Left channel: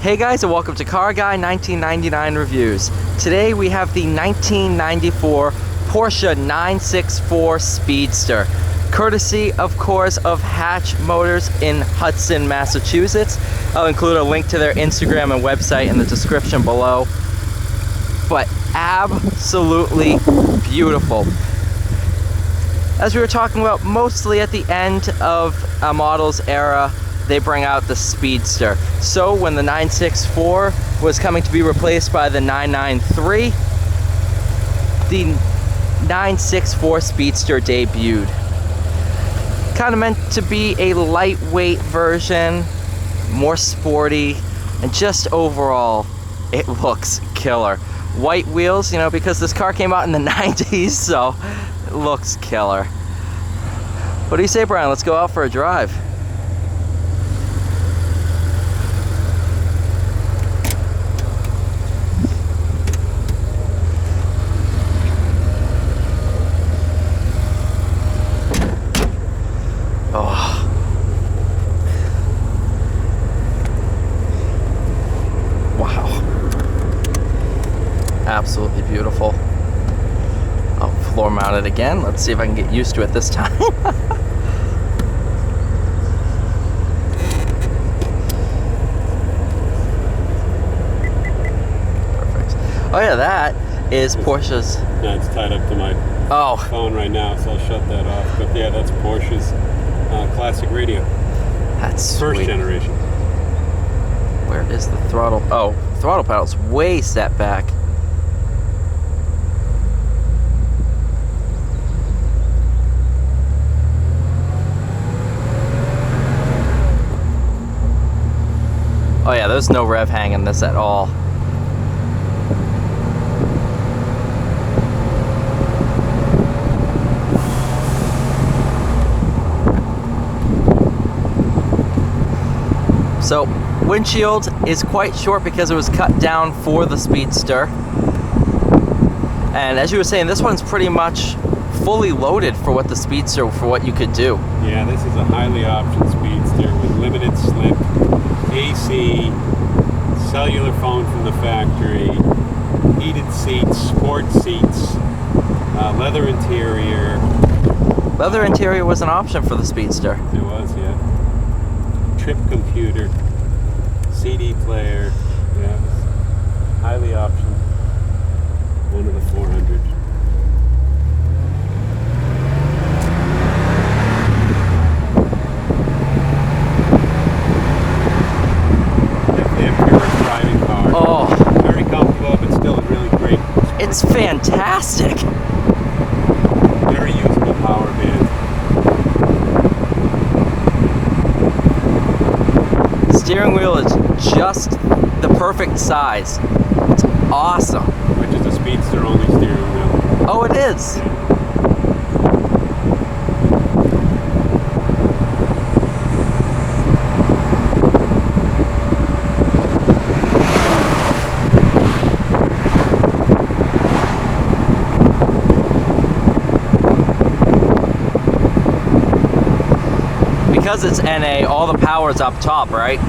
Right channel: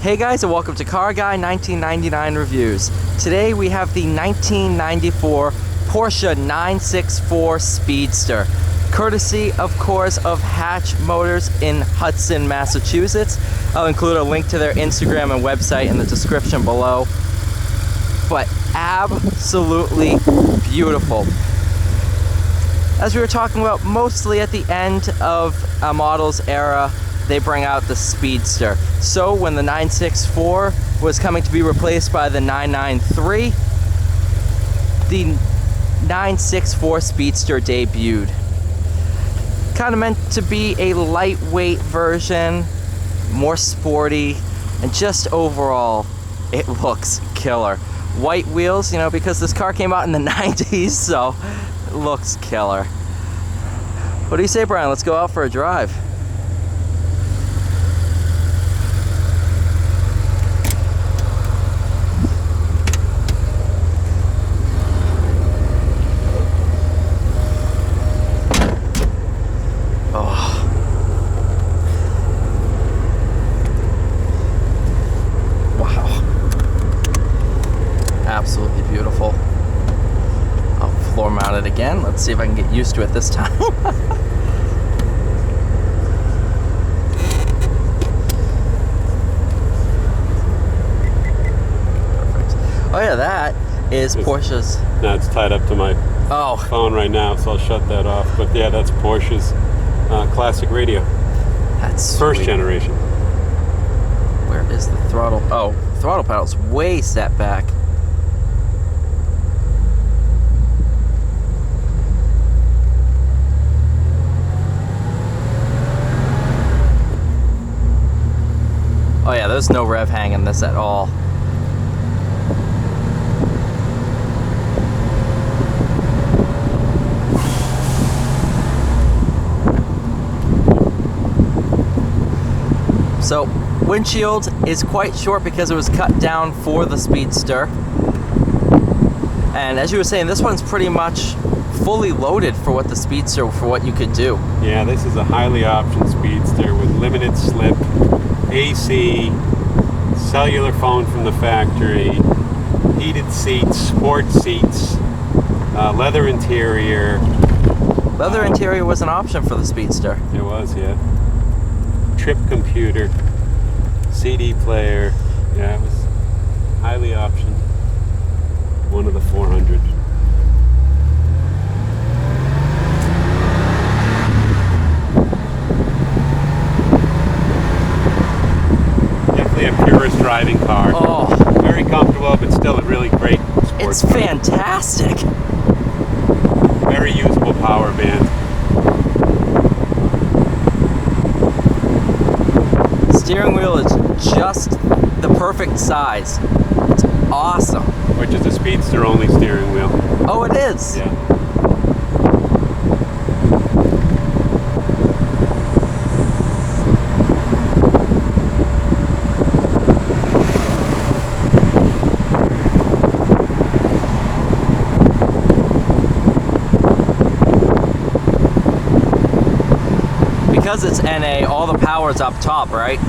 Hey guys, and welcome to Car Guy 1999 Reviews. Today we have the 1994 Porsche 964 Speedster, courtesy, of course, of Hatch Motors in Hudson, Massachusetts. I'll include a link to their Instagram and website in the description below. But absolutely beautiful. As we were talking about, mostly at the end of a model's era, they bring out the Speedster. So when the 964 was coming to be replaced by the 993, the 964 Speedster debuted. Kind of meant to be a lightweight version, more sporty, and just overall, it looks killer. White wheels, you know, because this car came out in the 90s, so it looks killer. What do you say, Brian? Let's go out for a drive. Absolutely beautiful. I'll floor mount it again. Let's see if I can get used to it this time. Perfect. Oh yeah, that is Porsche's. No, it's tied up to my phone right now, so I'll shut that off. But yeah, that's Porsche's classic radio. That's first sweet. Generation. Where is the throttle? Oh, throttle pedal's way set back. Oh yeah, there's no rev hang in this at all. So, windshield is quite short because it was cut down for the Speedster. And as you were saying, this one's pretty much fully loaded for what the Speedster, for what you could do. Yeah, this is a highly optioned Speedster with limited slip, AC, cellular phone from the factory, heated seats, sports seats, leather interior. Leather interior was an option for the Speedster. It was, yeah. Trip computer, CD player. Yeah, it was highly optioned. One of the 400. A purist driving car. Oh, very comfortable, but still a really great sports it's car. Fantastic. Very usable power band. Steering wheel is just the perfect size. It's awesome. Which is a Speedster only steering wheel. Oh, it is. Yeah. Because it's NA, all the power's up top, right?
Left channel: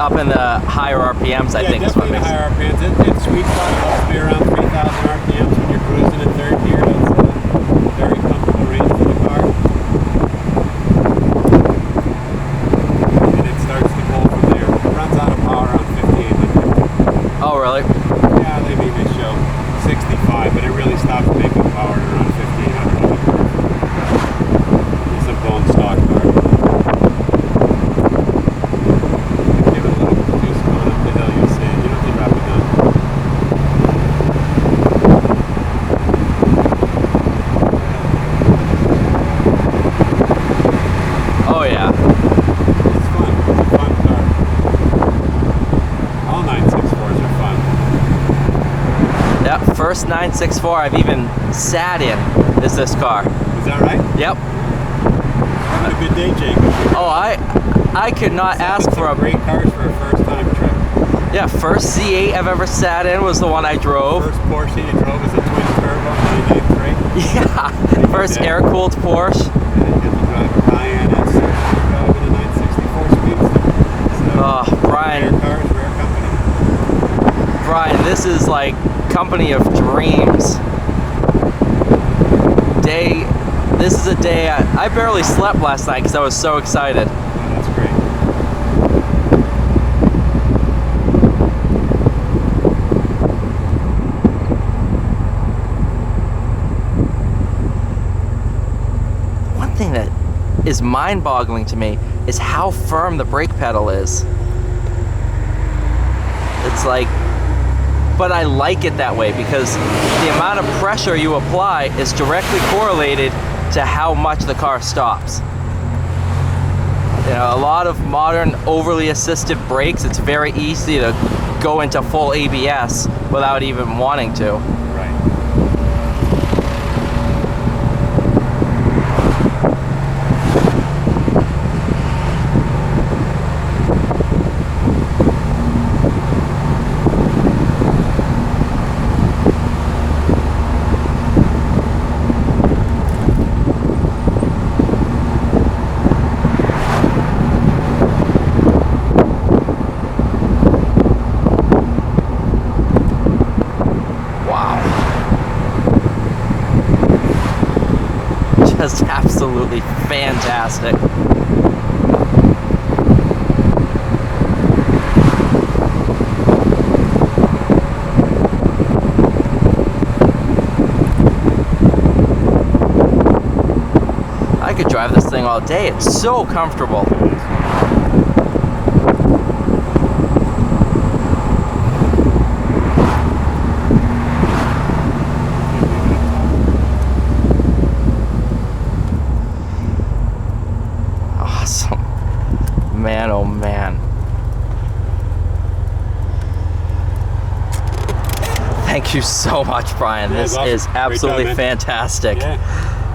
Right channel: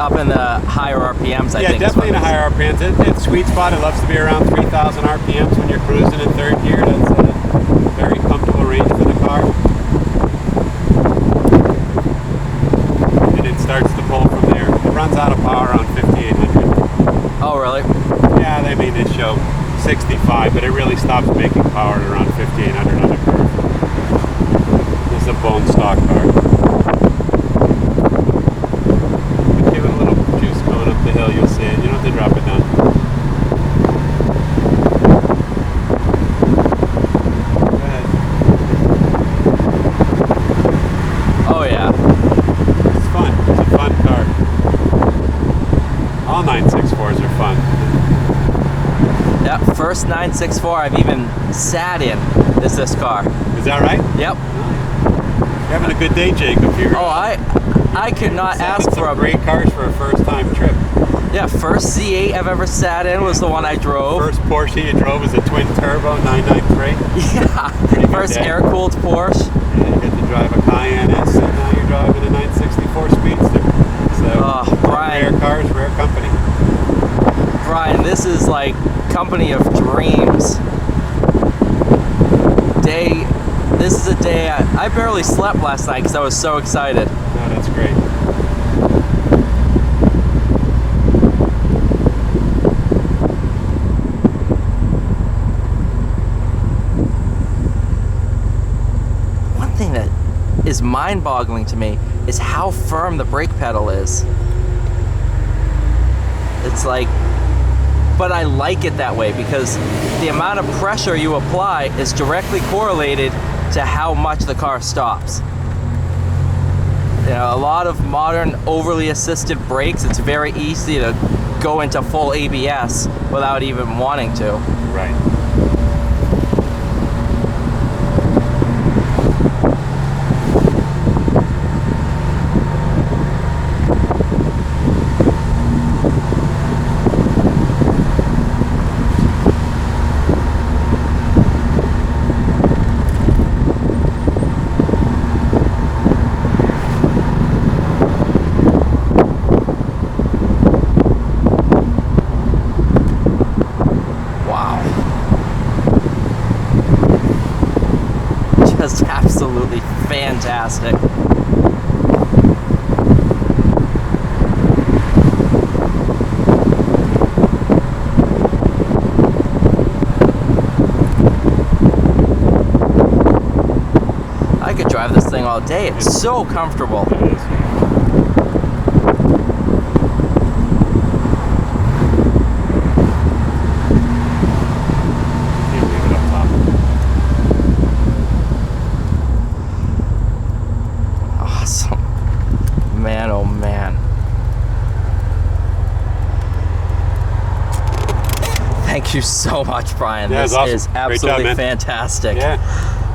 Up in the higher RPMs, I think. Yeah, definitely in the higher RPMs. It's sweet spot. It loves to be around 3,000 RPMs when you're cruising in third gear. That's a very comfortable range for the car. And it starts to pull from there. It runs out of power on 5,800. Oh, really? Yeah, they show 65, but it really stops making power at around 5,800 on the curve. This is a bone stock car. Give it a little juice going up the hill, you'll see it. You don't have to drop it down. Oh, yeah. It's fun. It's a fun car. All 964s are fun. Yep, first 964 I've even sat in is this car. Is that right? Yep. You're having a good day, Jacob. Here. Oh, I could not ask for a great cars for a first-time trip. Yeah, first Z8 I've ever sat in was the one I drove. First Porsche you drove was a twin-turbo 993. Yeah, first air-cooled Porsche. And you get to drive a Cayenne S, and now you're driving a 964 Speedster. So, Brian. Rare cars, rare company. Brian, this is like company of dreams. This is a day I barely slept last night because I was so excited. Oh, that's great. One thing that is mind-boggling to me is how firm the brake pedal is. It's like, but I like it that way because the amount of pressure you apply is directly correlated to how much the car stops. You know, a lot of modern overly assisted brakes, it's very easy to go into full ABS without even wanting to. Right. Just absolutely fantastic. I could drive this thing all day. It's so comfortable. It is. Awesome. Man, oh man. Thank you so much, Brian. Yeah, This awesome. is absolutely Great job, man. fantastic. Yeah.